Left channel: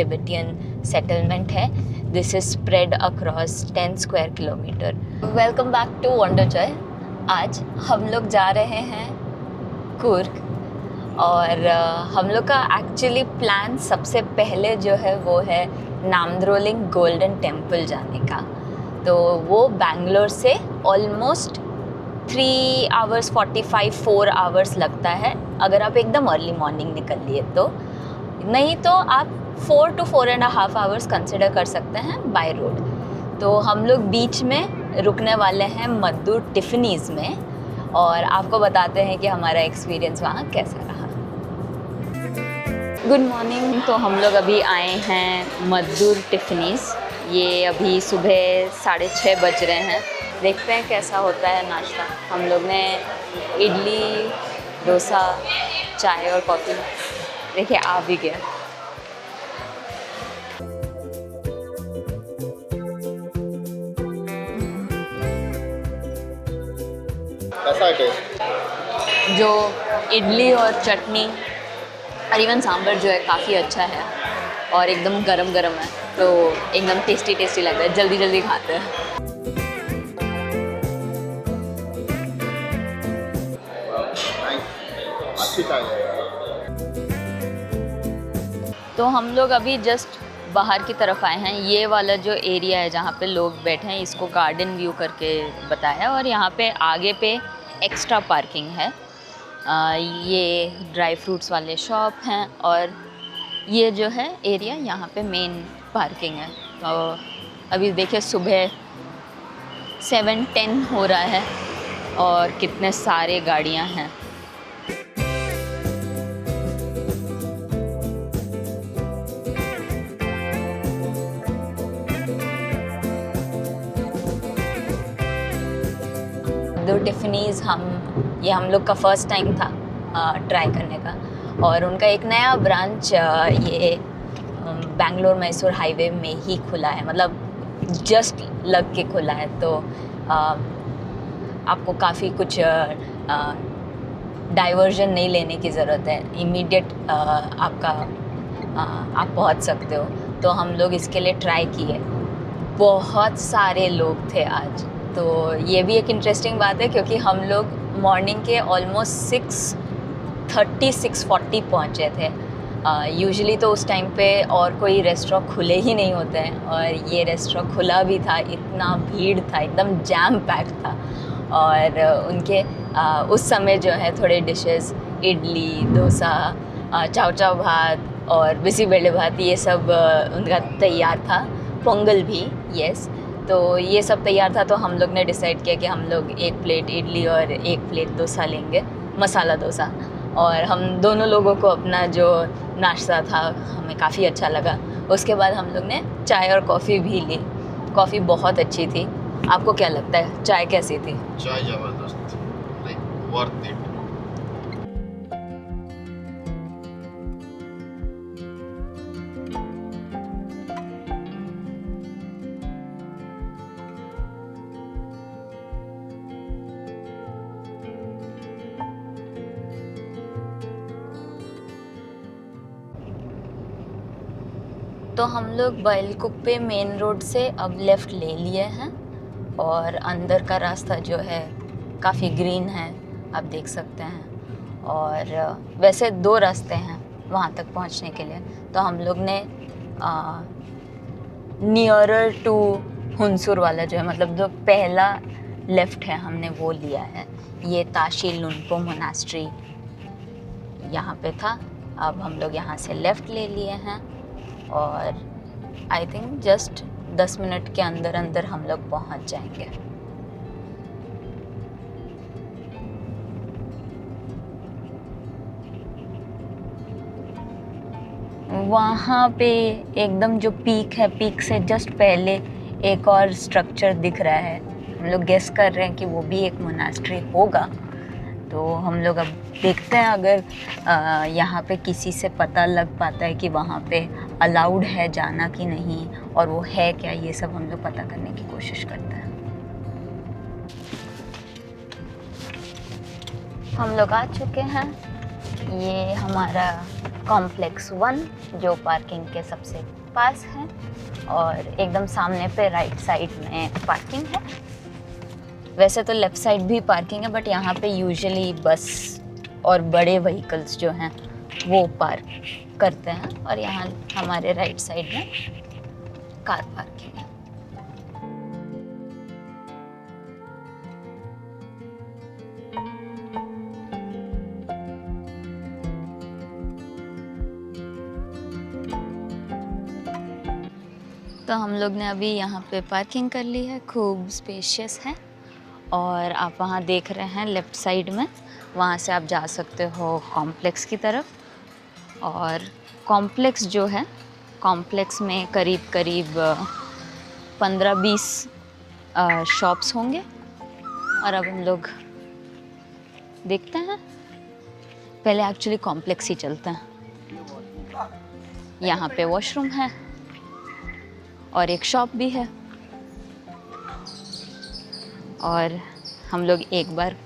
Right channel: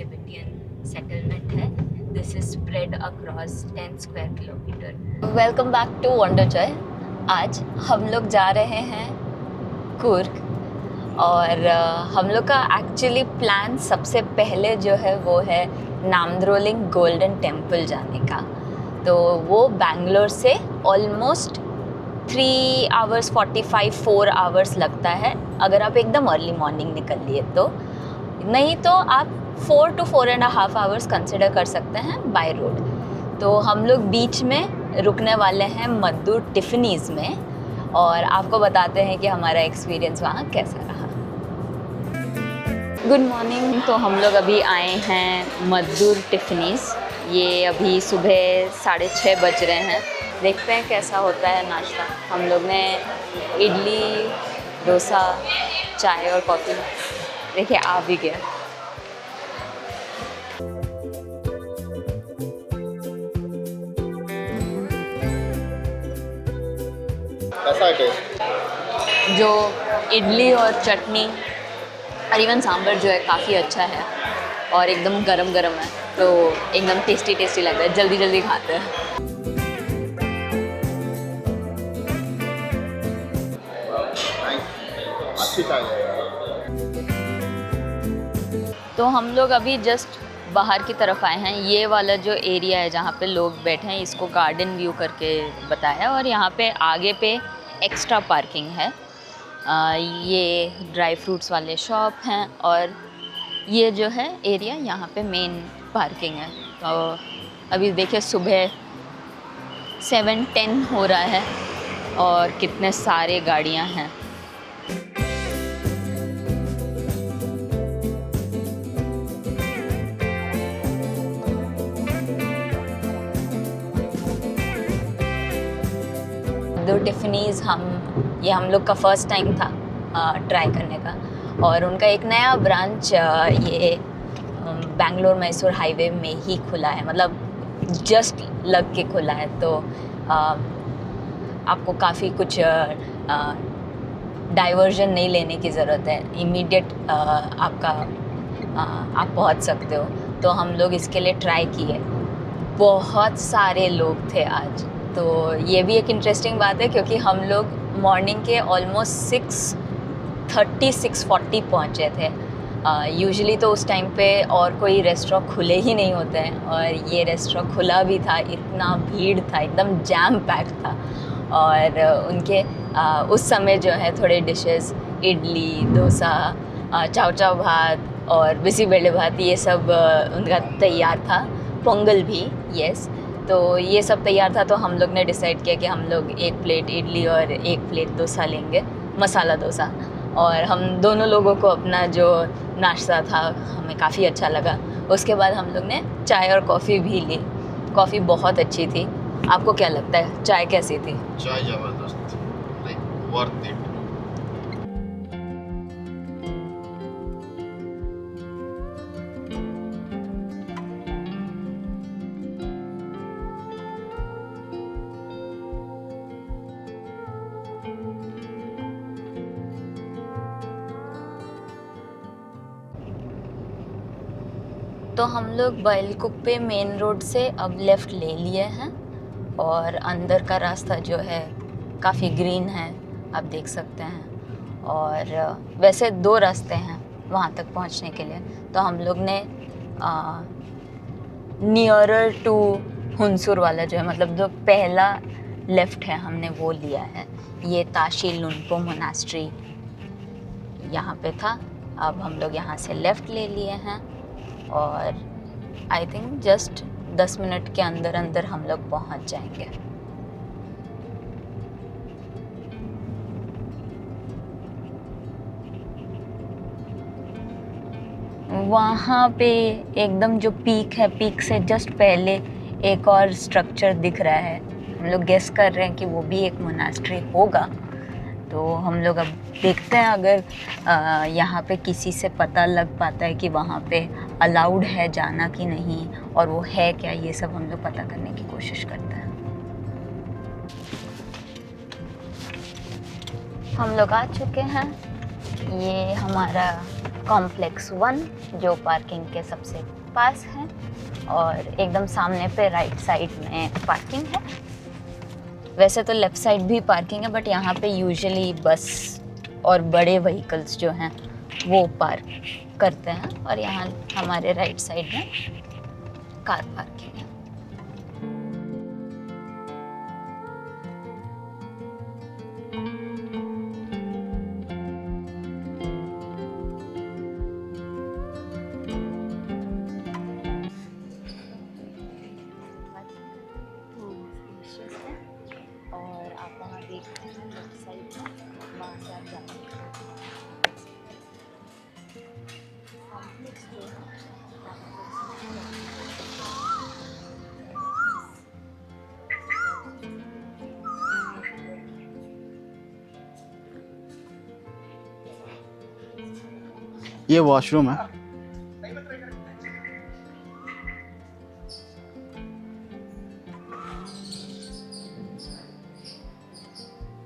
Tibetan settlement है. This is spread across 10 square kilometer. Welcome back to Wonder Joy. आज हम लोग जा रहे हैं कुर्ग और हम लोग का एक्चुअली प्लान सबसे पहले जो है वो है नामद्रोलिंग गोल्डन टेम्पल जाने का. तो वो बैंगलोर से ऑलमोस्ट 3 hours 45 4 hours लगता है अगर आप एकदम अर्ली मॉर्निंग निकल लिए तो. नहीं तो आप 4 to 4.5 hours कंसिडर कर सकते हैं बाय रोड. तो हम लोग बीच में रुकने वाले हैं मद्दूर टिफ़नीज़ में और आपको बताते हैं कि हमारा एक्सपीरियंस वहाँ कैसा रहा. Good morning. तो हम लोग अभी आए हैं मद्दूर टिफ़नीज़. ये अभी सुबह 6:30 बज रहे हैं. देखते हैं कैसा होता है नाश्ता. हम लोग ने इडली, डोसा, चाय और कॉफ़ी देखिए आ भी गया. कैसा है टेस्ट? जो इडली और चटनी और इवन सांभर जो है काफ़ी अच्छा है और एकदम गरम गरम है तो एकदम टेस्टी टेस्टी लग रहा है. जल्दी जल्दी खाते हैं. अच्छी चाय है. तो हम लोग अभी जस्ट बाहर की तरफ आए हैं. ये वाला जो एरिया है जहाँ पे लोग बैठे हैं इसको गार्डन व्यू करके बताया और यहाँ पे आगे पे एक्स्ट्रा पार्किंग है. ये ड्राई फ्रूट्स वाले शॉप हैं और ये जो है एरिया यहाँ पे मेन पार्किंग है. तो अभी देखिए सुबह 7:10 हो रहा है और कितने सारे गाड़ियाँ हैं. दो टिफ़नीज़ हम लोग का फ़र्स्ट टाइम था ट्राई करने का. और उनका एक नया ब्रांच ये बेंगलोर मैसूर हाईवे में ही खुला है. मतलब जस्ट लग के खुला है. तो आपको काफ़ी कुछ डाइवर्जन नहीं लेने की ज़रूरत है. इमीडिएट आप पहुंच सकते हो. तो हम लोग इसके लिए ट्राई किए. बहुत सारे लोग थे आज. तो ये भी एक इंटरेस्टिंग बात है क्योंकि हम लोग मॉर्निंग के ऑलमोस्ट 6:30 6:40 पहुँचे थे. यूजुअली तो उस टाइम पे और कोई रेस्टोरेंट खुले ही नहीं होते हैं और ये रेस्टोरेंट खुला भी था. इतना भीड़ था, एकदम जैम पैक था. और उनके उस समय जो है थोड़े डिशेस इडली, डोसा, चाव चाव भात और बिसीबेले भात ये सब उनका तैयार था. पोंगल भी यस. तो ये सब तैयार था. तो हम लोग ने डिसाइड किया कि हम लोग 1 प्लेट इडली और 1 प्लेट डोसा लेंगे, मसाला डोसा. और हम दोनों लोगों को अपना जो नाश्ता था हमें काफ़ी अच्छा लगा. उसके बाद हम लोग ने चाय और कॉफ़ी भी ली. कॉफ़ी बहुत अच्छी थी. आपको क्या लगता है चाय कैसी थी? चाय ज़बरदस्त, लाइक वर्थ इट. तो हम लोग बैलकुप्पे मेन रोड से अब लेफ़्ट ले लिए हैं और अंदर का रास्ता जो है काफ़ी ग्रीन है, आप देख सकते हैं. और वैसे 2 रास्ते हैं वहाँ तक पहुँचने के लिए. तो हम लोग ने नियरर टू हुनसुर वाला जो है मतलब जो पहला लेफ़्ट है हमने वो लिया है. ये ताशी लुनपो मोनास्ट्री यहाँ पे था. अब हम लोग यहाँ से लेफ़्ट ले लिए हैं और आई थिंक जस्ट 10 मिनट के अंदर अंदर हम लोग पहुँच जाएंगे. वहाँ पे एकदम जो पीक है, पीक से जस्ट पहले एक और स्ट्रक्चर दिख रहा है. हम लोग गेस कर रहे हैं कि वो भी एक मोनास्ट्री होगा. तो हम लोग अब देखते हैं अगर यहाँ पे किसी से पता लग पाता है कि वहाँ पे अलाउड है जाना कि नहीं और वो है क्या. ये सब हम लोग पता करने की कोशिश करते हैं. हम लोग आ चुके हैं. ये हमारा कॉम्प्लेक्स 1 जो पार्किंग के सबसे पास है, और एकदम सामने पे राइट साइड में पार्किंग है। वैसे तो लेफ़्ट साइड भी पार्किंग है, बट यहाँ पे यूजुअली बस और बड़े व्हीकल्स जो हैं वो पार्क करते हैं, और यहाँ हमारे राइट साइड में कार पार्किंग है। तो हम लोग ने अभी यहाँ पे पार्किंग कर ली है, खूब स्पेशियस है। और आप वहाँ देख रहे हैं लेफ़्ट साइड में, वहाँ से आप जा सकते हो कॉम्प्लेक्स की तरफ। और कॉम्प्लेक्स जो है, कॉम्प्लेक्स में करीब करीब 15-20 शॉप्स होंगे। और अब हम लोग देखते हैं, पहले एक्चुअली कॉम्प्लेक्स ही चलते हैं। ये वॉशरूम है। यहाँ पे वॉशरूम है और एक शॉप भी है। और हम लोग एक बार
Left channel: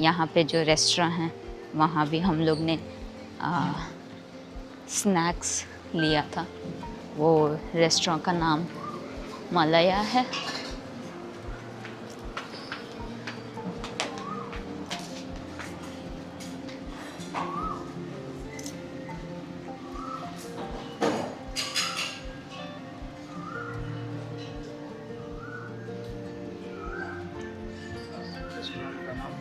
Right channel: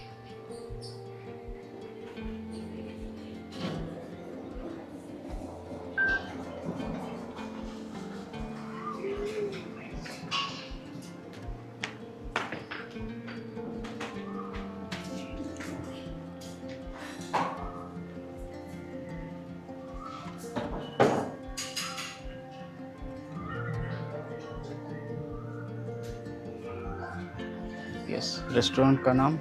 यहाँ पे जो रेस्टोरेंट हैं वहाँ भी हम लोग ने स्नैक्स लिया था। वो रेस्टोरेंट का नाम मलाया है। रेस्टोरेंट का नाम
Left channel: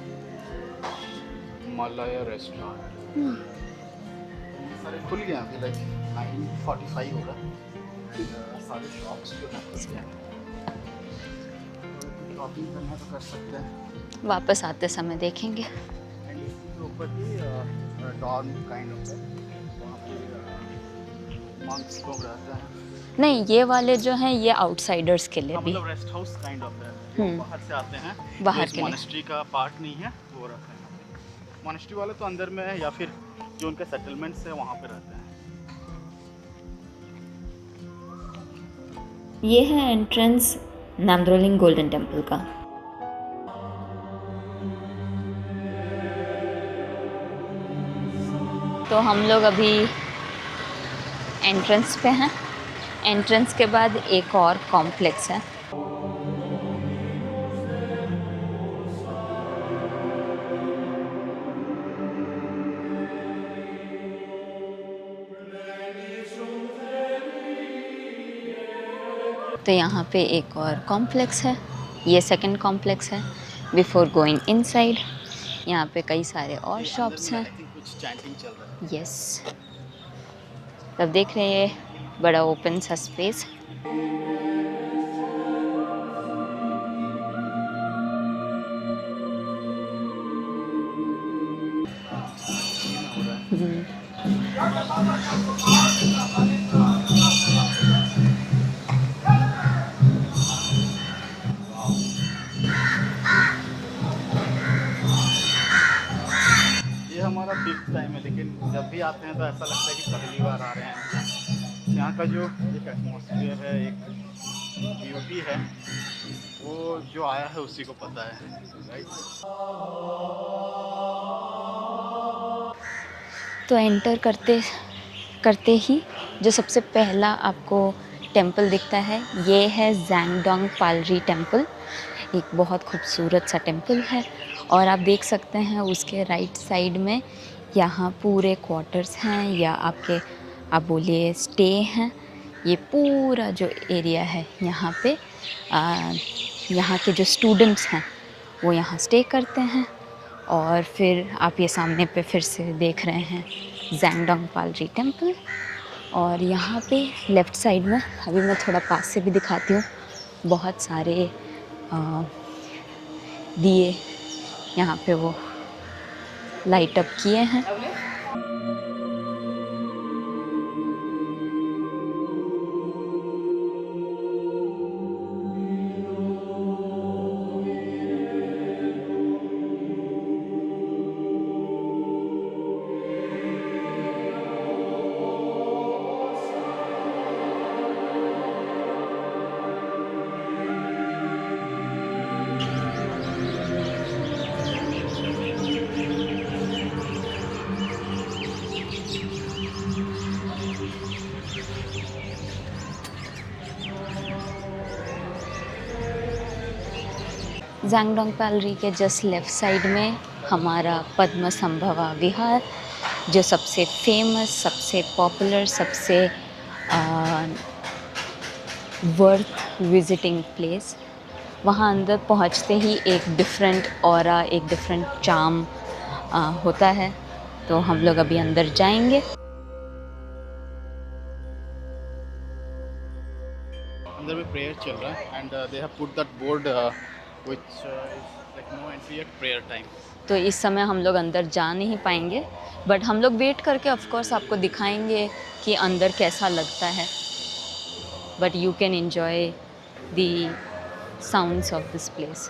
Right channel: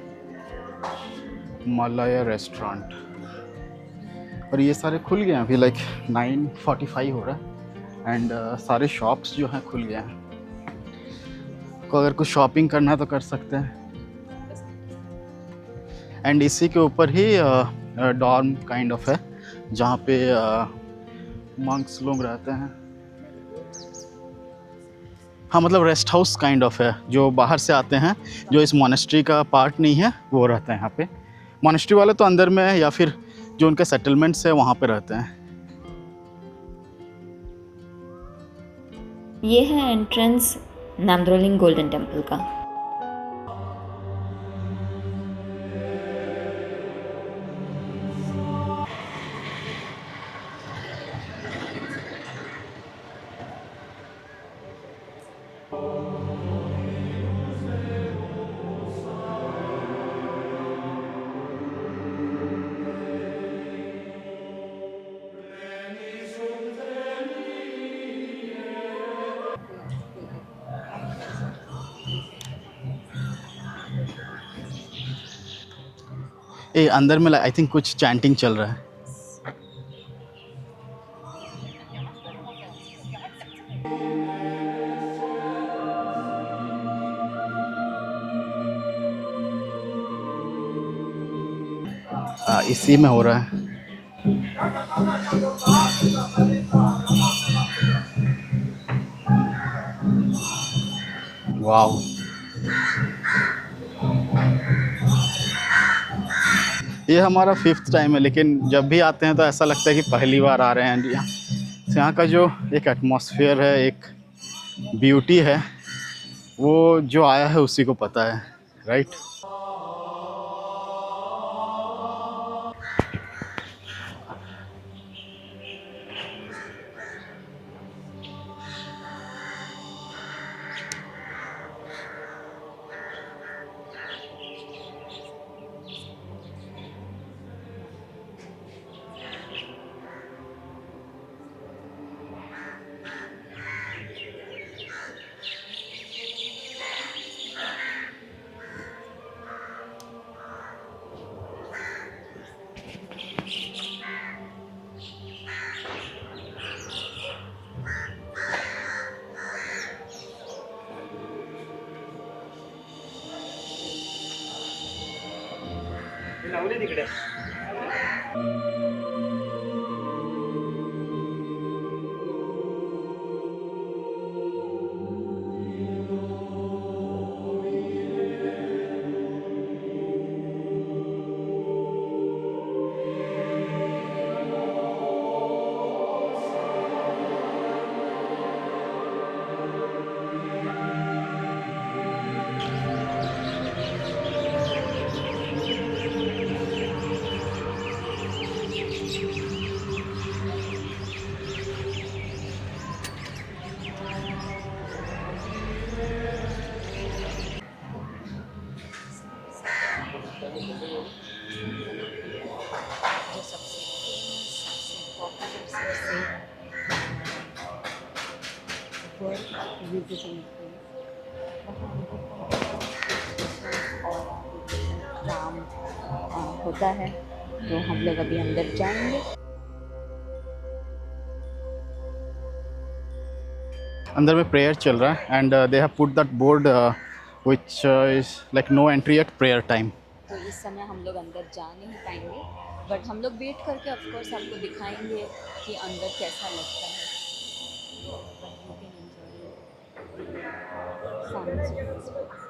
मलाया रेस्टोरेंट। और ये सारे खुल गए हैं अभी, लाइक 9:45 हो रहा है। एंड सारे शॉप्स जो हैं खुल गए हैं। तो अगर कुछ शॉपिंग करना है तो कर सकते हैं। वापस आते समय देखेंगे। एंड इसी के ऊपर ही डॉर्म काइंड ऑफ है, जहाँ पे मंक्स लोग रहते हैं। नहीं, ये वाले जो हैं ये आउटसाइडर्स के लिए। हाँ, मतलब रेस्ट हाउस काइंड ऑफ है, जो बाहर से आते हैं, जो इस मोनेस्ट्री का पार्ट नहीं है वो रहते हैं यहाँ पे। मोनेस्ट्री वाले तो अंदर में है, या फिर जो उनके सेटलमेंट्स है वहाँ पे रहते हैं। ये है एंट्रेंस नामद्रोलिंग गोल्डन टेम्पल का। तो हम लोग अभी एंट्रेंस पे हैं। एंट्रेंस के बाद एक और कॉम्प्लेक्स है। तो यहाँ पे एक और कॉम्प्लेक्स है, ये सेकंड कॉम्प्लेक्स है। बिफोर गोइंग इनसाइड यहाँ पे कई सारे और अंदर में shops आई थिंक कुछ चैंटिंग चल रहा है। हैं। यस, तब देख रहे हैं बड़ा ओपन सा स्पेस। इसी में हो रहा है। वाओ, ये हमारा 5th टाइम है, लेकिन जब भी आते हैं तो ऐसा लगता है कि पहली बार आ रहे हैं। यहाँ का जो एक एटमॉस्फेयर है, एक ब्यूटी है, वो जो आया है उसी को पता है, राइट। तो एंटर करते करते ही जो सबसे पहला आपको टेंपल दिखता है, ये है जैंगडोंग पालरी टेंपल। एक बहुत खूबसूरत सा टेंपल है। और आप देख सकते हैं उसके राइट साइड में यहाँ पूरे क्वार्टर्स हैं, या आपके आप बोलिए स्टे हैं। ये पूरा जो एरिया है यहाँ पे यहाँ के जो स्टूडेंट्स हैं वो यहाँ स्टे करते हैं। और फिर आप ये सामने पे फिर से देख रहे हैं जैंगडोंग पालरी टेंपल। और यहाँ पे लेफ़्ट साइड में अभी मैं थोड़ा पास से भी दिखाती हूँ, बहुत सारे दिए यहाँ पे वो लाइट अप किए हैं। जैंगडोंग पैलरी के जस्ट लेफ़्ट साइड में हमारा पद्म संभवा विहार, जो सबसे फेमस, सबसे पॉपुलर, सबसे वर्थ विजिटिंग प्लेस। वहाँ अंदर पहुँचते ही एक डिफरेंट ऑरा, एक डिफरेंट चार्म होता है। तो हम लोग अभी अंदर जाएंगे। अंदर में प्रेयर चल रहा है and they have put that board which is like no entry at prayer time. तो इस समय हम लोग अंदर जा नहीं पाएंगे, बट हम लोग वेट करके ऑफ कोर्स आपको दिखाएंगे कि अंदर कैसा लगता है। But you can enjoy the sounds of this place.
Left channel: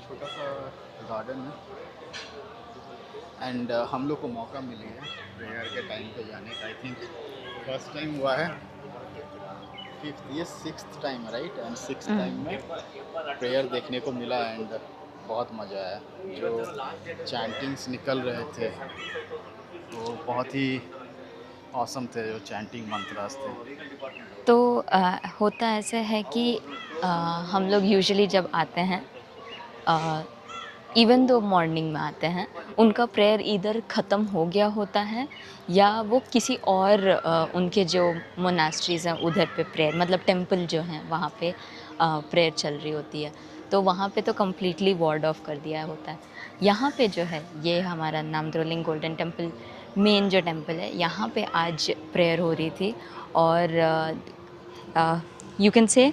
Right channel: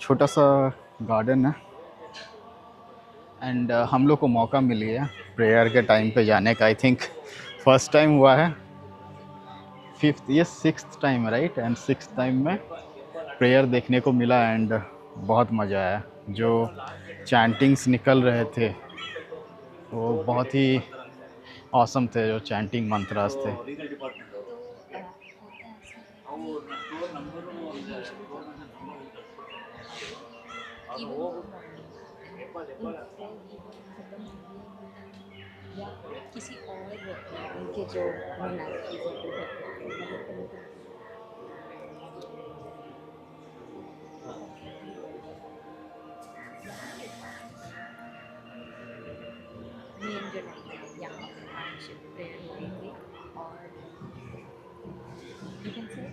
छोटा सा गार्डन है एंड हम लोग को मौका मिली है प्रेयर के टाइम पे जाने का। आई थिंक फर्स्ट टाइम हुआ है, फिफ्थ ये सिक्स्थ टाइम है राइट, एंड सिक्स्थ टाइम में प्रेयर देखने को मिला एंड बहुत मज़ा आया। जो चैंटिंग्स निकल रहे थे वो बहुत ही ऑसम थे, जो चैंटिंग मंत्रास थे। तो होता ऐसा है कि हम लोग यूजुअली जब आते हैं, इवन दो मॉर्निंग में आते हैं, उनका प्रेयर इधर ख़त्म हो गया होता है या वो किसी और उनके जो मोनास्ट्रीज़ हैं उधर पे प्रेयर, मतलब टेंपल जो हैं वहाँ पे प्रेयर चल रही होती है। तो वहाँ पे तो कम्प्लीटली वार्ड ऑफ कर दिया होता है। यहाँ पे जो है ये हमारा नामद्रोलिंग गोल्डन टेंपल, मेन जो टेंपल है, यहाँ पे आज प्रेयर हो रही थी और you can say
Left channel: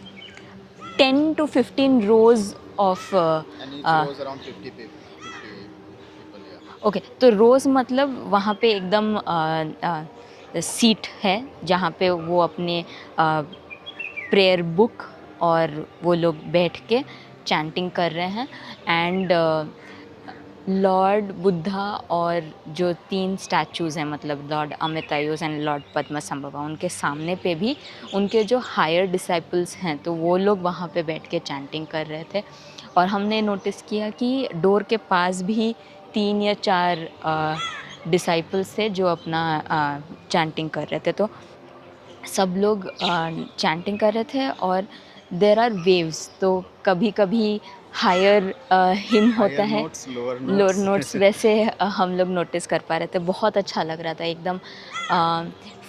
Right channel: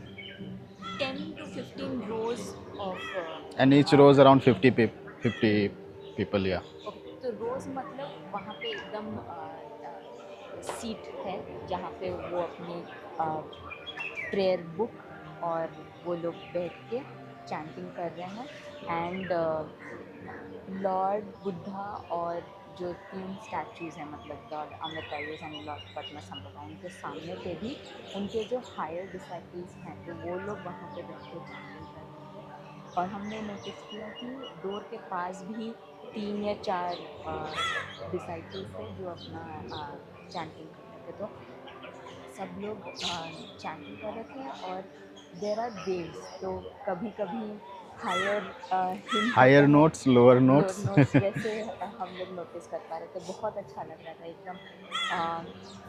10 to 15 rows of and each rows around 50 people या ओके। तो रोज़ मतलब वहाँ पे एकदम सीट है जहाँ पे वो अपने प्रेयर बुक और वो लोग बैठ के चैंटिंग कर रहे हैं। एंड लॉर्ड बुद्धा और जो 3 स्टैचूज़ हैं, मतलब लॉर्ड अमितायुस एंड लॉर्ड पद्मसंभवा, उनके सामने पे भी उनके जो हायर डिसाइपल्स हैं तो वो लोग वहाँ पे बैठ के चैंटिंग कर रहे थे। और हमने नोटिस किया कि डोर के पास भी 3 या 4 डिसाइपल्स थे जो अपना चैंटिंग कर रहे थे। तो सब लोग चैंटिंग कर रहे थे और देर आर वेव्स, तो कभी कभी हायर हिम होता हायर है, notes, lower lower notes. Notes, वैसे हम लोग नोटिस कर पा रहे थे। बहुत अच्छा लग रहा था एकदम।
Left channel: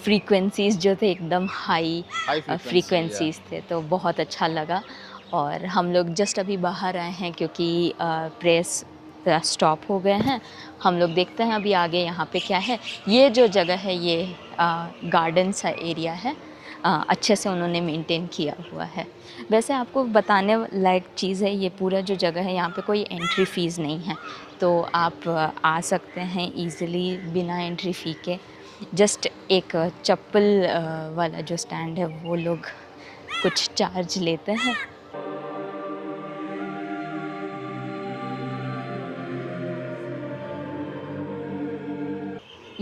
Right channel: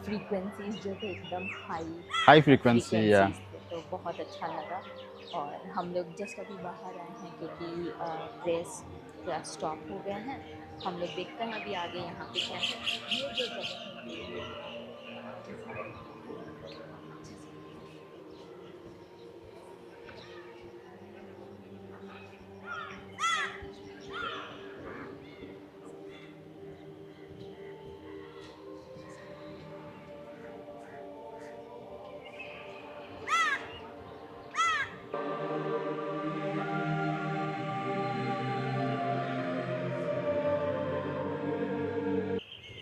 फ्रीक्वेंसीज जो थे एकदम हाई हाई फ्रीक्वेंसी या फ्रीक्वेंसीज थे, तो बहुत अच्छा लगा। और हम लोग जस्ट अभी बाहर आए हैं क्योंकि प्रेस स्टॉप हो गए हैं। हम लोग देखते हैं अभी आगे यहाँ पे क्या है। ये जो जगह है ये गार्डन सा एरिया है, अच्छे से उन्होंने मेंटेन किया हुआ है। वैसे आपको बताने लायक चीज़ है, ये पूरा जो जगह है यहाँ पे कोई एंट्री फ़ीस नहीं है, तो आप आ सकते हैं इजीली बिना एंट्री फ़ी के। जस्ट एक चप्पल वाला जो स्टैंड है वो लोग कुछ चार्ज लेते हैं।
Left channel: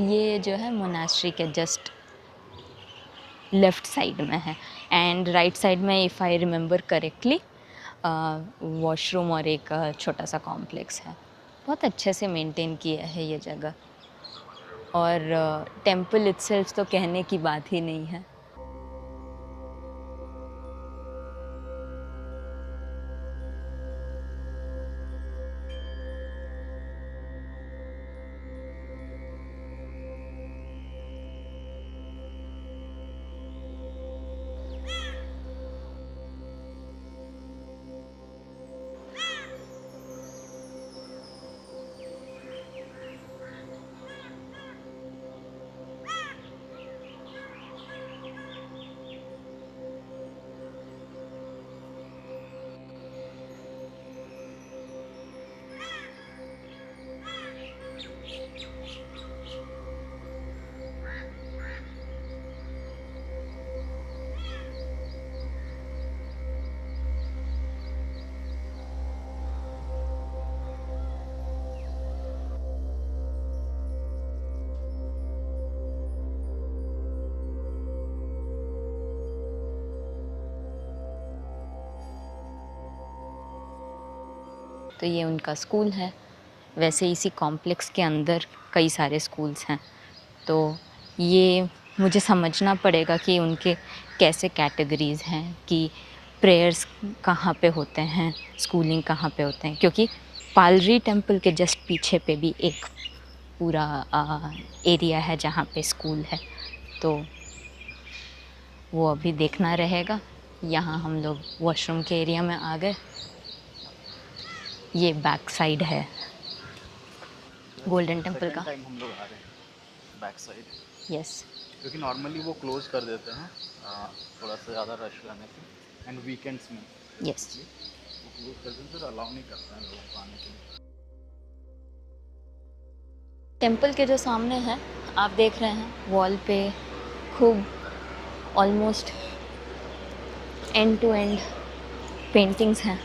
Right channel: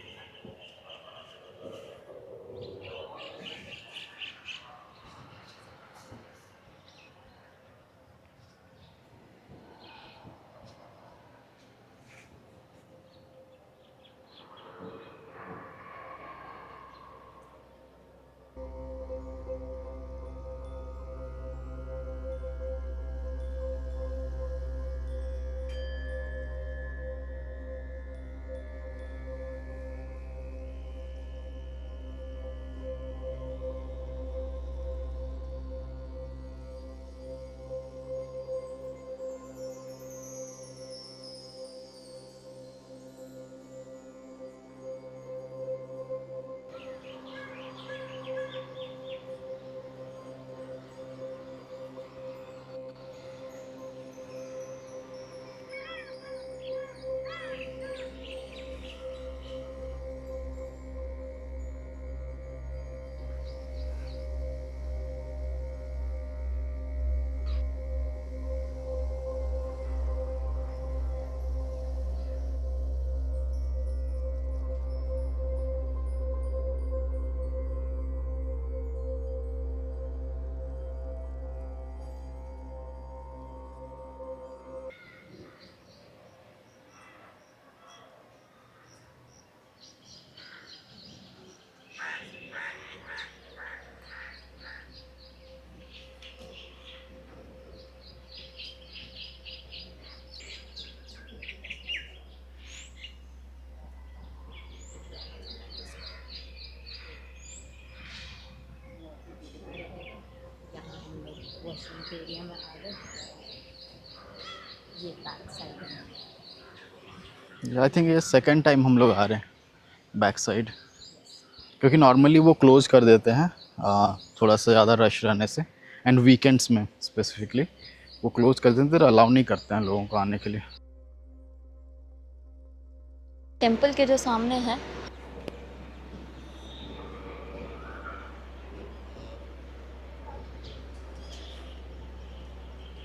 ये जो है मोनास्ट्री के जस्ट लेफ़्ट साइड में है, एंड राइट साइड में if I remember correctly washroom और एक छोटा सा कॉम्प्लेक्स है। बहुत अच्छे से मेंटेन किया है ये जगह। और टेंपल इटसेल्फ तो कहने की बात ही नहीं है। तो ये उनका स्कूल है। वैसे इसी कॉम्प्लेक्स के अंदर कई सारे स्कूल्स हैं, तो ये मुझे समझना पड़ेगा कि उनके कैसे कैटेगरीज़ हैं, कि प्रेयर्स कहाँ पे होते हैं, स्कूलिंग कहाँ पे होते हैं। क्योंकि पालरी टेम्पल के जस्ट पीछे पे भी एक पूरा एरिया है जहाँ पे स्कूल है, तो वो अभी देखना रहेगा। यहाँ हम लोग वॉशरूम के एरिया में आ गए। ये बैक साइड है आई थिंक गोल्डन ये टेम्पल सेकंड का। टाइम हम लोग आ रहे हैं बैक साइड, यस। क्योंकि नॉर्मली वो क्लोज कर देते हैं थोड़ा सा ज़्यादा रश रहने से, एंड वीकेंड्स में यस। स्पेसिफिकली वो क्लोज कर देते हैं, फिर अलाउ नहीं करते हैं लोगों को आने के लिए। टेम्पल के जो सामने है आप देख रहे हैं वॉल पे खूब almost end to end paintings हैं।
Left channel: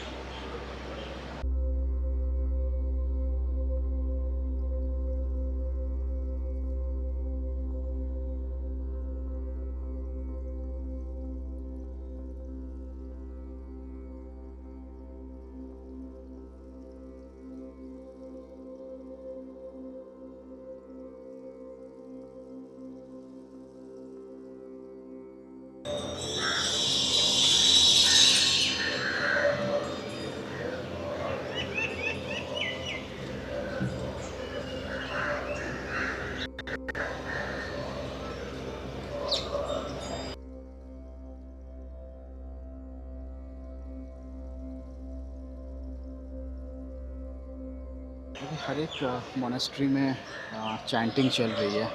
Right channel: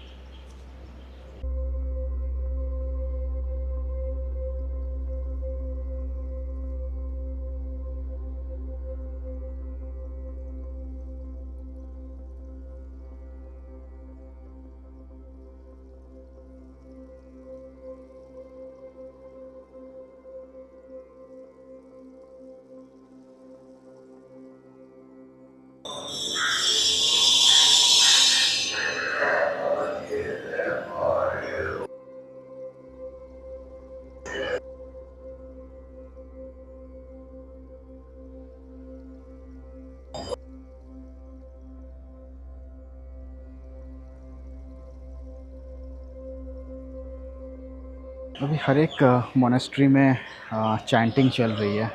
अभी हर एक मोनेस्ट्री में चैंटिंग चल रही है।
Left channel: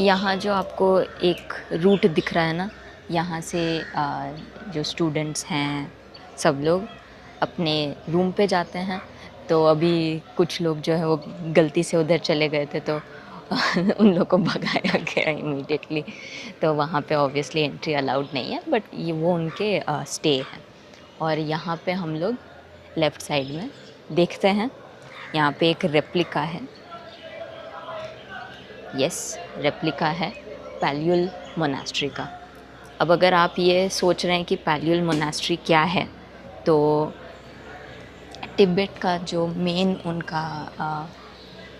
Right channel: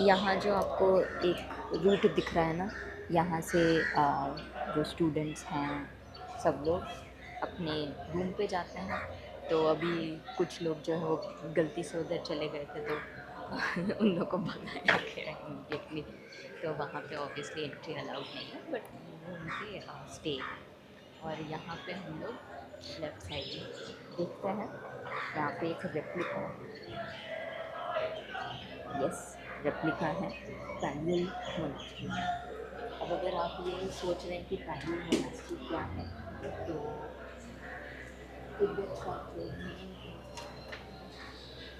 यहाँ जो आपको एक रूट दिख रहा है ना, यहाँ से जो स्टूडेंट्स हैं सब लोग अपने रूम पे जाते हैं। तो अभी कुछ लोग जो है वो गलती से उधर चले गए थे, तो उन लोग को भगाया गया इमीडिएटली। तो वहाँ पे ऑब्वियसली एंट्री अलाउड नहीं है, बट ये वो उनके स्टे है। और यहाँ पे हम लोग लेफ़्ट साइड में देखते हैं, यहाँ पे एक रेप्लिका है। यस, रेप्लिका है पैल्यूल मोनास्ट्री का। अब अगर आप ये सोच रहे हैं कि पैल्यूल मोनास्ट्री क्या है, तो तिब्बत का जो मेन उनका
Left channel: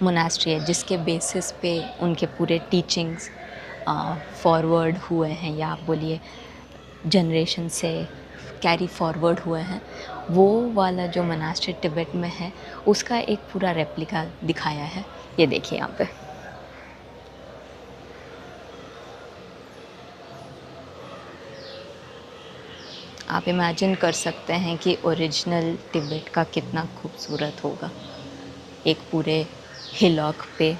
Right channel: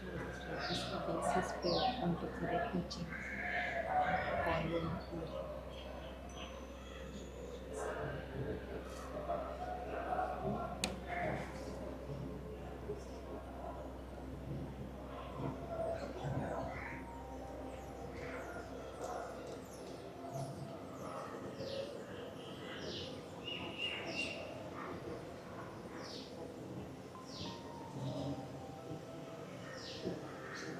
मोनास्ट्री है जिसके बेसिस पे उनके पूरे टीचिंग्स फॉरवर्ड हुए हैं, या आप बोलिए जनरेशन से कैरी फॉरवर्ड हुए हैं। वो वाला जो मोनास्ट्री तिब्बत में है उसका एक पूरा रेप्लिका दिखाया है। ये देखिए यहाँ पे। आप इमेजिन कर सकते हैं कि ओरिजिनल तिब्बत का कितना खूबसूरत होगा। एक पूरे हिलॉक पे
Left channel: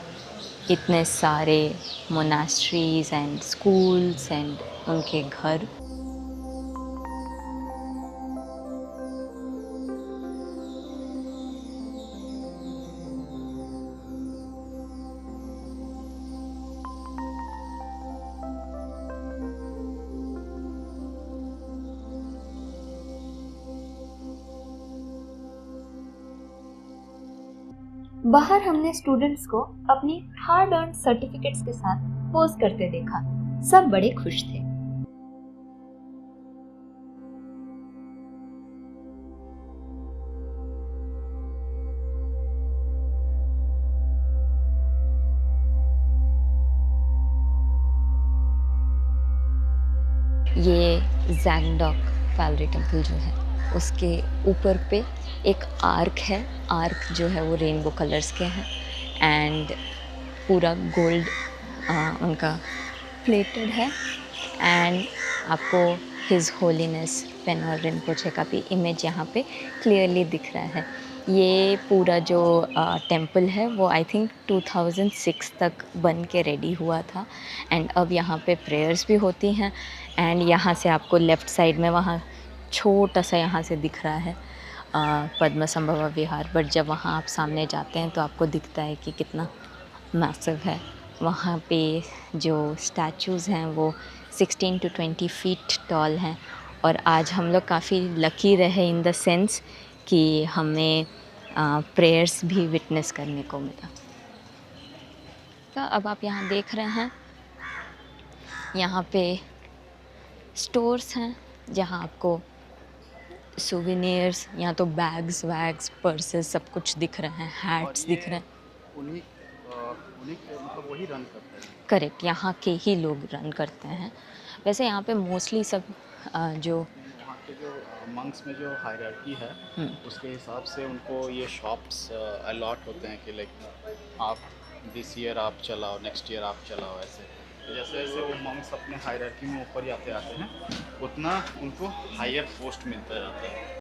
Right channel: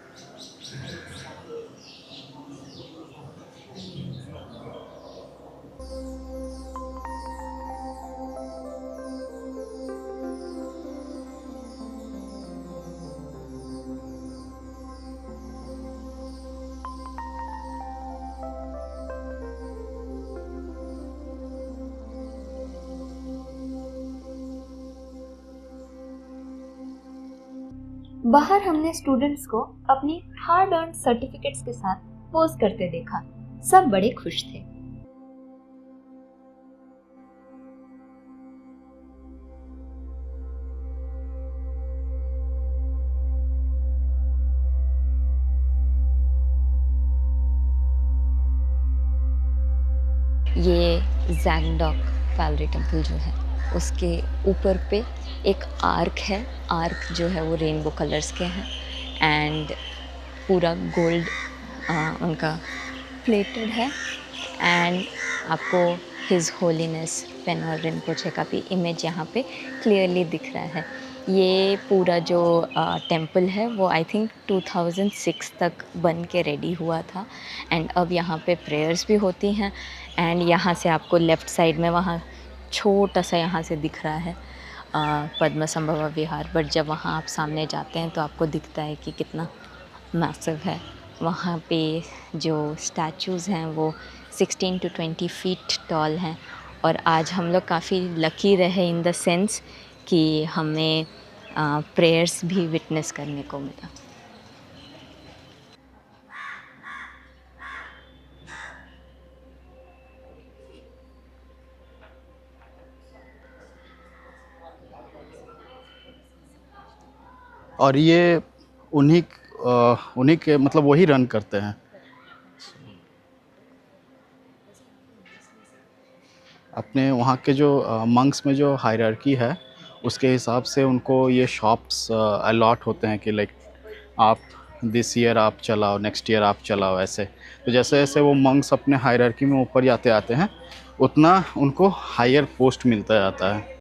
इतने सारे मोनास्ट्रीज एंड स्कूल्स एंड उनके घर। बाहर हमने स्टूडेंट्स को अपनी हार्ड अर्न सर्टिफिकेट्स के साथ पोज करते देखा। सब बड़े खुश थे। ये ज़ैंगडॉक पैलरी टेम्पल जो है उसके ऊपर पे एक आर्क है। आर्क जो है वो रेनबो कलर्स के हैं एंड पूरा गोल्ड उनका प्लेटेड है। एंड आपको हिज होलीनेस पेनर रिनपोचे का भी इमेज यहाँ पे क्लियरली दिख रहा है। ये पूरा जो टेम्पल है वो आई थिंक 2006 तक बन के रेडी हुआ था एंड अब यहाँ पे प्रेयर्स भी होती हैं। एंड यहाँ से आपको लेफ़्ट साइड में वहाँ छोटा सा यहाँ से दिख रहा है पद्म संभवा विहार, बट जब वहाँ आप सामने जाते हैं तो आपको दिखता है कि कितना मैसिव है। वहाँ पे जो स्टैचूज़ हैं वो 16 to 20 फीट टॉल हैं और आज हम लोग काफ़ी लकी रहे इन द सेंस कि हमें प्रेयर्स भी विटनेस करने को मिला। तो अब आप यहाँ देख रहे हैं, यहाँ पे स्टोर्स हैं जहाँ आपको सोवेनियर्स, यहाँ तो बैग्स वैग्स पर्सेस सब कुछ दिख रहे हैं, हैट्स और ये उन्हीं के मतलब वही रन करते हैं। करेक्ट, यहाँ के ही लोग रन करते हैं। वैसे यहाँ पे मोस्टली सब जो अपने वहाँ के जो मंक्स में जो हायरार्की है उसके हिसाब से उनको ये शॉप्स अलॉट होते हैं कि लाइक आप दिस ईयर आप चलाओ, नेक्स्ट ईयर आप चलाओ, ऐसे। तो जैसे जैसे वो मंक्स अपने हायरार्की में ऊपर जाते आते हैं उतना उनको हायर पोस्ट मिलता जाता है।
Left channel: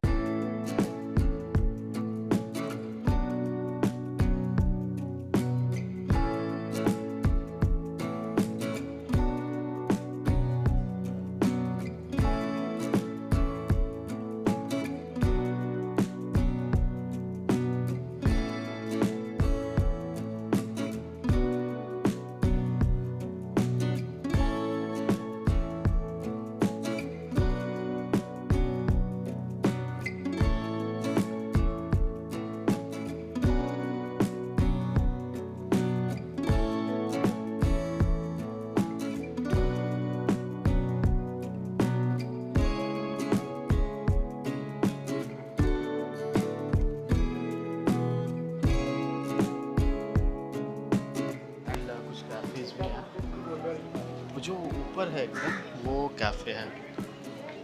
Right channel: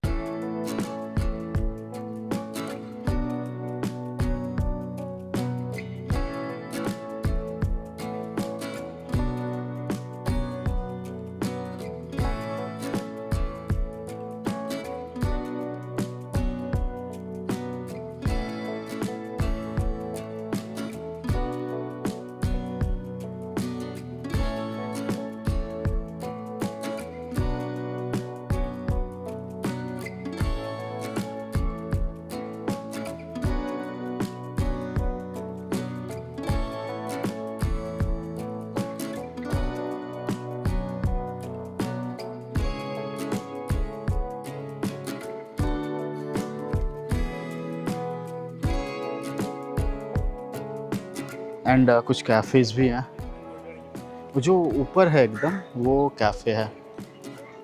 एंड कुछ कैफ़ेज़ भी हैं। जो ऊपर है एकदम वो कैफ़े है,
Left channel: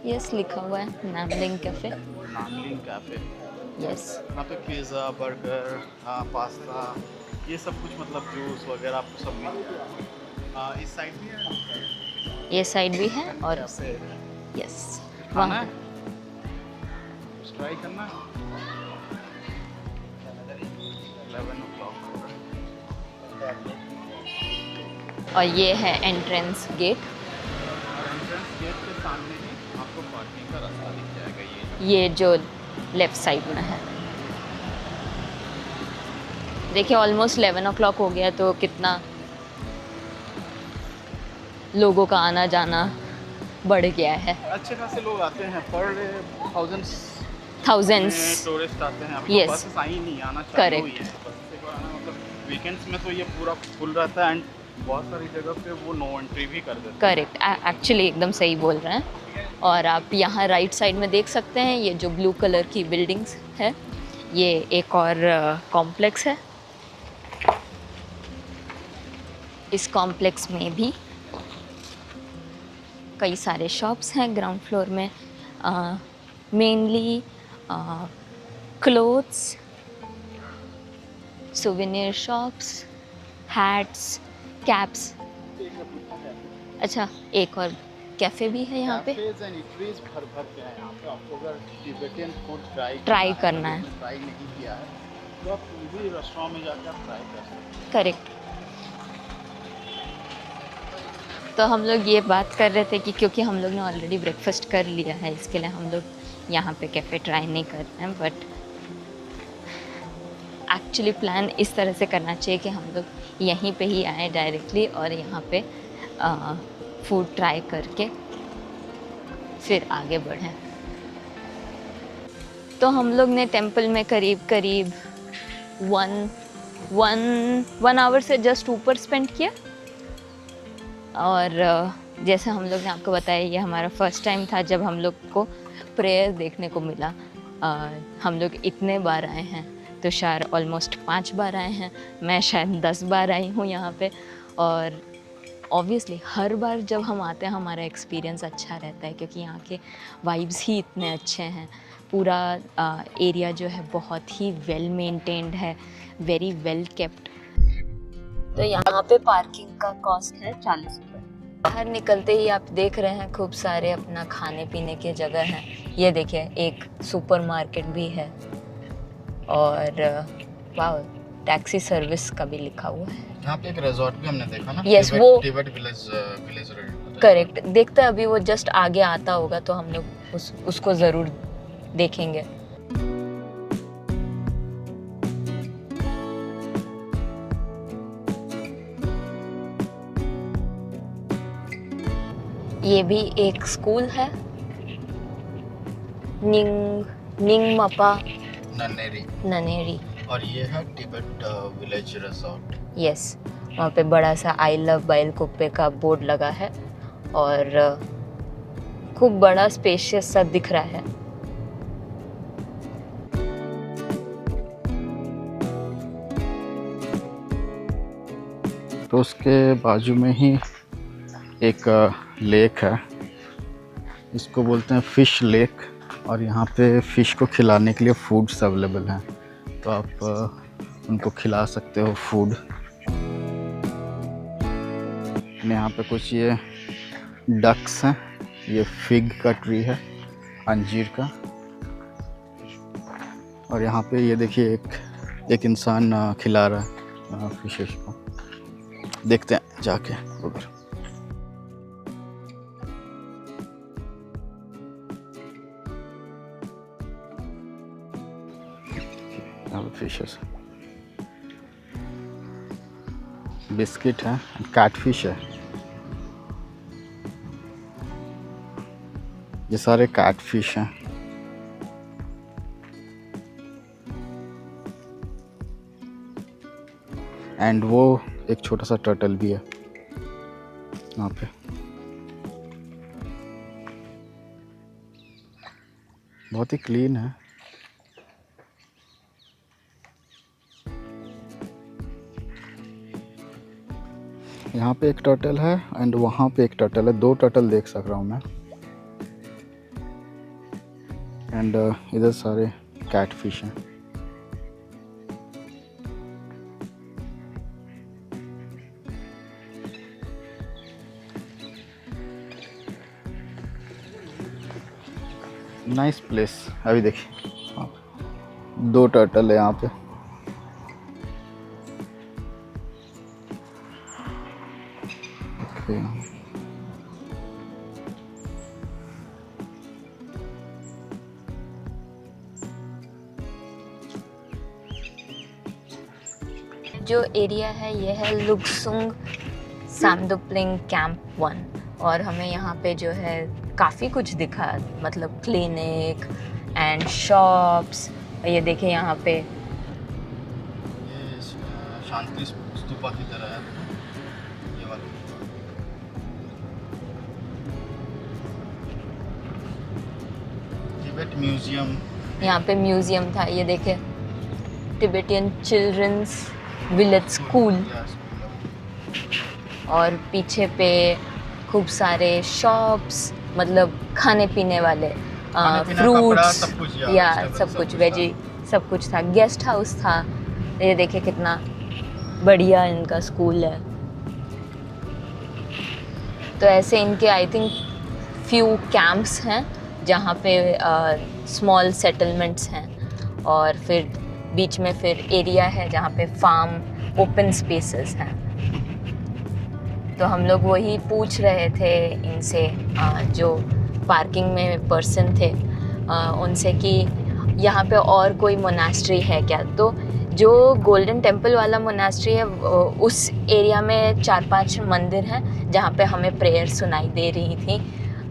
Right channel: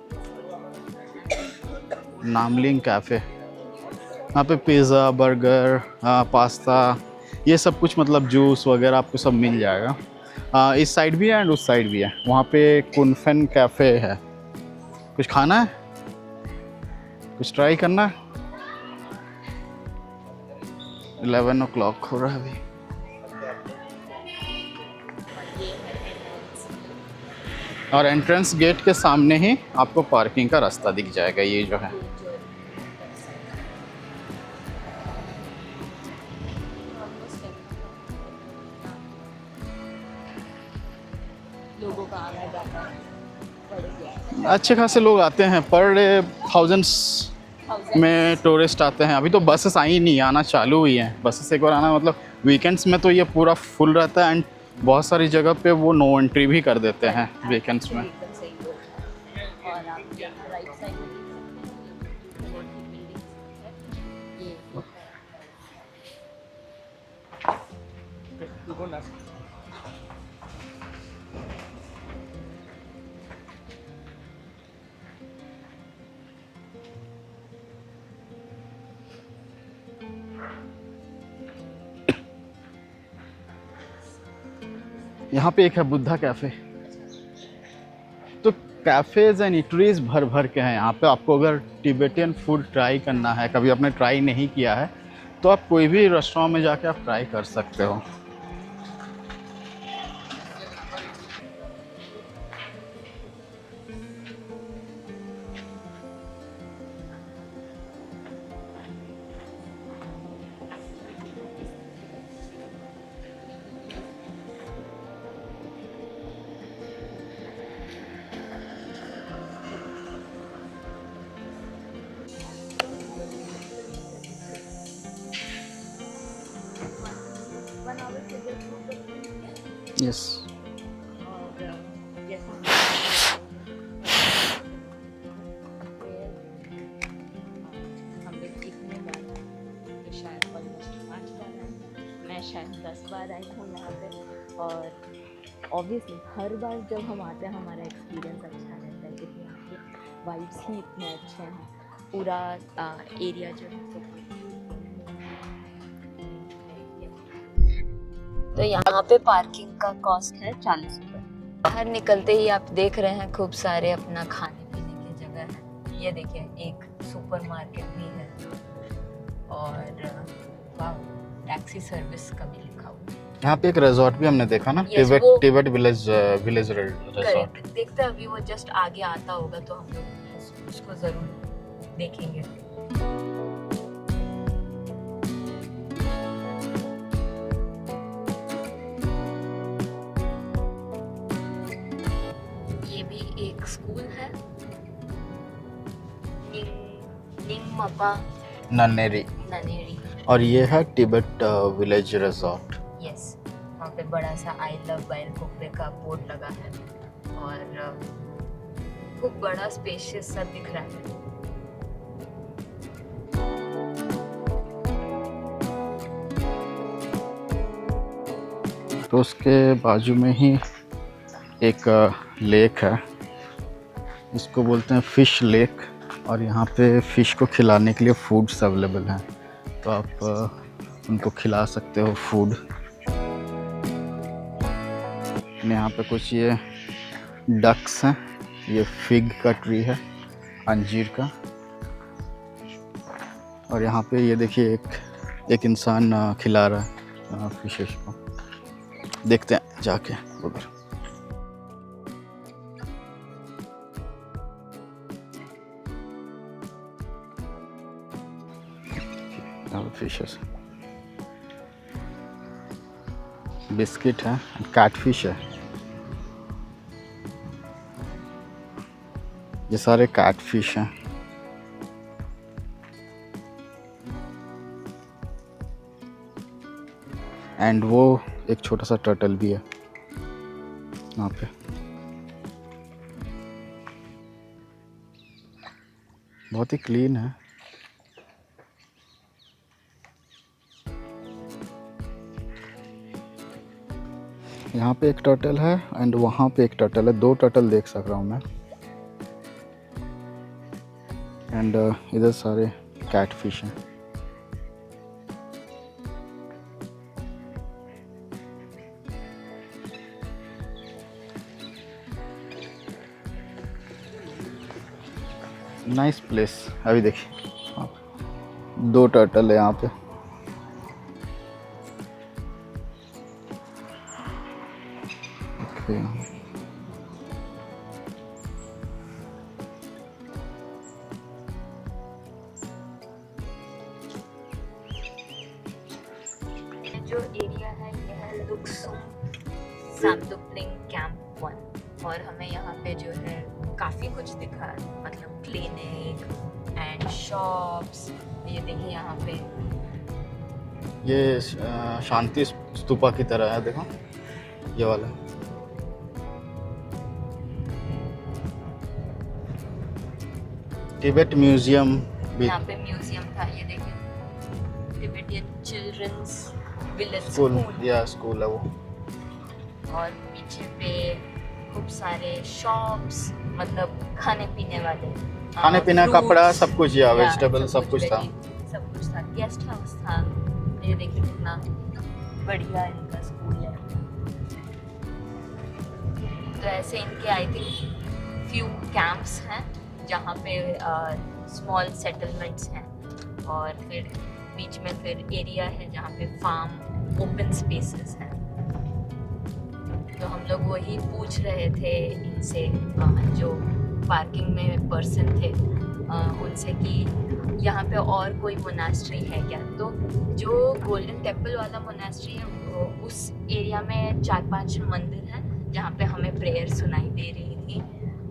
यस लिखा हुआ है नामलिंग कैफ़े। नामलिंग कैफ़े। यस, यहाँ पे पिज़्ज़ा, बर्गर, पास्ता, ये सब कुछ मतलब जूस वगैरह आपको सब मिल जाएगा। इस साइड भी है एंड उस साइड भी है। वहाँ पे ये side भी है कुल्फन और कैफ़े है। यस। कुछ खाना है, कुछ ट्राई करना है। 11 o'clock हो रहा है अभी। और ये है एंट्रेंस गेट। और एंट्रेंस गेट के सामने ही आपको पार्किंग का रास्ता दिख जाएगा। ये जो है, ये जो लेफ़्ट साइड में है। देखिए ऑलमोस्ट 11 o'clock हो गया तो कितना लोगों का आना जाना बढ़ गया है। अच्छे खासे लोग आते हैं, पर डे थाउजेंड्स में टूरिस्ट आते हैं। अभी तो Yes. बसेस आई नहीं, आना चालू हुई हैं। बसेस एक बार आना मतलब वीकेंड्स में तो ये पूरा फुल रहता है एंड बहुत सारी जगह पे वो नो एंट्री भी कर देते हैं। करेक्ट, एक्चुअली एकदम सही बोल रहे हैं। और आप यहाँ राइट साइड में देख सकते हैं ये जो ब्लू कलर की बिल्डिंग्स है, ये एक और कॉम्प्लेक्स है इस कॉम्प्लेक्स में भी कई सारे शॉप्स हैं ग्राउंड फ्लोर में, mainly clothes, souvenir shops, hats, caps. यहाँ पे एक है बुद्धा कैफे। अच्छा, एक और कैफे तो भी है यहाँ पे। कैफेज एंड इटरीज भर भर के हैं यहाँ पे। आपको अगर टिबेटियन फूड ट्राई करना है, कभी आपने ट्राई नहीं किया है, तो आप कोई भी रेस्टोरेंट में जाके आप ट्राई कर सकते हो। करेक्ट। तो हम लोग ये बात कर रहे थे कि क्योंकि हम लोग ने ऑलरेडी ब्रेकफास्ट कर लिया है, इसके लिए हम लोग यहाँ पे कैफ़े ट्राई नहीं कर रहे हैं। बट एक्चुअली प्लान इस तरह से करना चाहिए कि हम लोग यहीं पे ही आए डायरेक्टली और यहाँ पे फूड ट्राई करके फिर आगे बढ़ें। तो हम लोग ने टेंपल में करीब वन आवर से जस्ट ऊपर स्पेंड किया। यस। और जैसे हम लोग आपको बताया, ये हमारा फर्स्ट टाइम था जब हम लोग को प्रेयर देखने को मिला। हम लोग इतने बार आए हैं, तो शायद ऑलमोस्ट 5 बार आए हैं। मैं शायद 10 बार आई हूँ यहाँ पे। और ऑब्वियसली हर बार जब हम आते हैं हमारा एक्सपीरियंस अच्छा रहता है, क्योंकि यहाँ के वाइब्स ही इतने अच्छे हैं। पूरा एरिया जो है बहुत ही वेल मेंटेन्ड है, वेरी वेल केप्ट। तो यहाँ पे पार्किंग का कॉस्ट है 40 रुपये। बाहर निकलते ही आप देख रहे हैं खूब सारे अपना खाने पीने के जगह हैं। ये देखिए, एक सुपरमार्केट भी है और वाह, टैक्सी सर्विस का भी लिखा हुआ है। यहाँ पे एक रिजॉर्ट भी हमने देखा ना। Yes, Tibet village correct. देखते हैं, अभी वो जस्ट आगे आता होगा तो हम लोग उसको ज़रूर देखेंगे। ये भी एक स्कूल है, निंगमपा ननेरी। और ये है टिबेट विलेज रिजॉर्ट। यस, वहाँ पे बड़ा सा आई लव बाइलकुप्पे का बोर्ड लगा है और खूब बड़ा स्पेशियस सा दिख रहा है। तो उसके बाजू में ही एक लेक है, इसको बोलते हैं फिश लेक। और यहाँ पे फ़िश को खिलाने के लिए फूड्स अवेलेबल हैं, तो आप उनको खिला सकते हो फूड। यहाँ पे कुछ ये डक्स हैं, ये फिग का ट्री है, अंजीर का। और यहाँ पे ये देखिए एक इंसान खिला रहा है फिशेस को। देखते हैं जाके उधर। फिशेस, बिस्किट है, कैटफिश है। ये सारे कैटफिश हैं। एंड वो एक छोटा सा टर्टल भी है यहाँ पे। बहुत ही क्लीन है। यहाँ पे एक टर्टल है एंड वहाँ पे एक टर्टल है। 2 टर्टल देख सक रहा हूँ मैं। एंड इधर सारे कैटफिश हैं। Nice place. अभी देखिए 2 टर्टल है यहाँ पे। जो एरिया है ये है लुक्सुंग सामदुपलिंग कैंप 1। और हमें यहाँ पे जो है काफ़ी कुछ दिखा, मतलब क्लिनिक एंड शॉप्स। ये देखिए यहाँ पे ये शांति स्तूपा की तरह है, देखो ये वाला। टिबेट म्यूजियम, यहाँ पे म्यूजियम था। ये देखे, टिबेटियन चिल्ड्रंस विलेज स्कूल। या स्कूल है वो। और पीछे पे खूब सारे शॉप्स, मतलब खाने पीने वाले, खाने पीने, fruits, कपड़ा, सब कुछ, या या वेजिटेबल, सब कुछ था। वेजी सब कुछ था। गेस्ट हाउस था। ये देखिए कितना बढ़िया इनका स्कूल है। तो ऐसे इनके आई थिंक फ्यू कैंप्स हैं जहाँ पे स्मॉल सेटलमेंट्स हैं, और फिर बीच में फिर एरिया है जहाँ पे फार्म ओपन स्पेसेस हैं। तो हम लोग वही पूछ रहे थे इनसे, जो पार्किंग में पर्सन थे, उनसे कि यहाँ पे और कोई मोनास्ट्री है क्या। तो जो गोल्डन टेम्पल वाला मोनास्ट्री है उस एरिया में 4-5 मंदिर हैं जहाँ पे हमें प्रेयर सुनाई दे रही थी।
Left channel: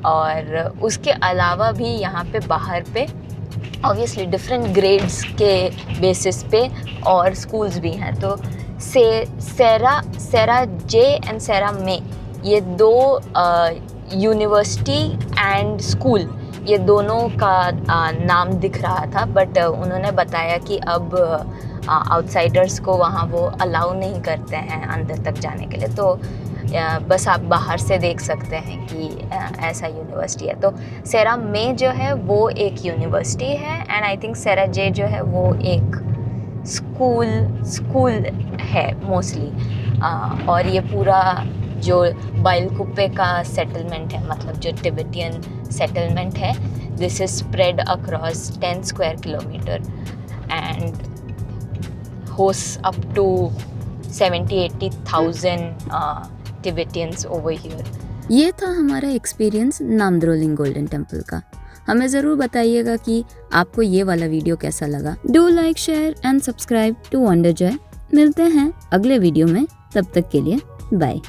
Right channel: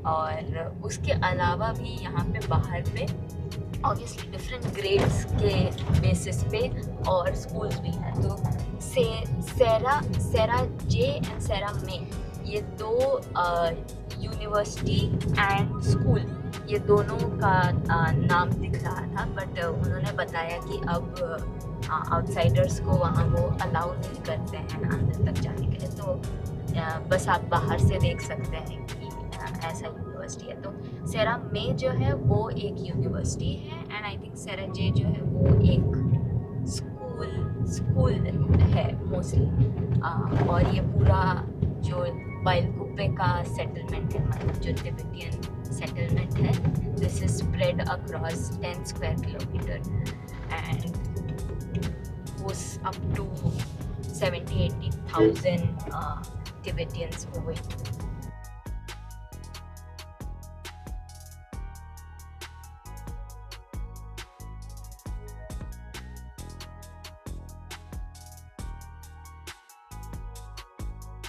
और उसके अलावा भी यहाँ पे बाहर पे ऑब्वियसली डिफरेंट ग्रेड्स के बेसिस पे और स्कूल्स भी हैं। तो सेरा जे एंड सेरा मे, ये दो यूनिवर्सिटी एंड स्कूल, ये दोनों का नाम दिख रहा था, बट उन्होंने बताया कि अब आउटसाइडर्स को वहाँ वो अलाउ नहीं करते हैं अंदर तक जाने के लिए। तो बस आप बाहर से देख सकते हैं कि ऐसा यूनिवर्सिटी है। तो सेरा में जो है वो एक यूनिवर्सिटी है, एंड आई थिंक सेरा जे जो है वो एक स्कूल है मोस्टली। और ये पूरा जो बाइलकुप्पे का सेटलमेंट है, मतलब जो टिबेटियन सेटलमेंट है, this is spread across 10 square kilometre and host up to 70,000-80,000 Tibetans over here. ये था हमारा एक्सपीरियंस नामद्रोलिंग गोल्डन टेम्पल का। हमें ज़रूर बताइएगा कि आपको ये वाला वीडियो कैसा लगा। Do like, share and subscribe to Wonder Joy. मिलते हैं अगले वीडियो में, तब तक के लिए बाय।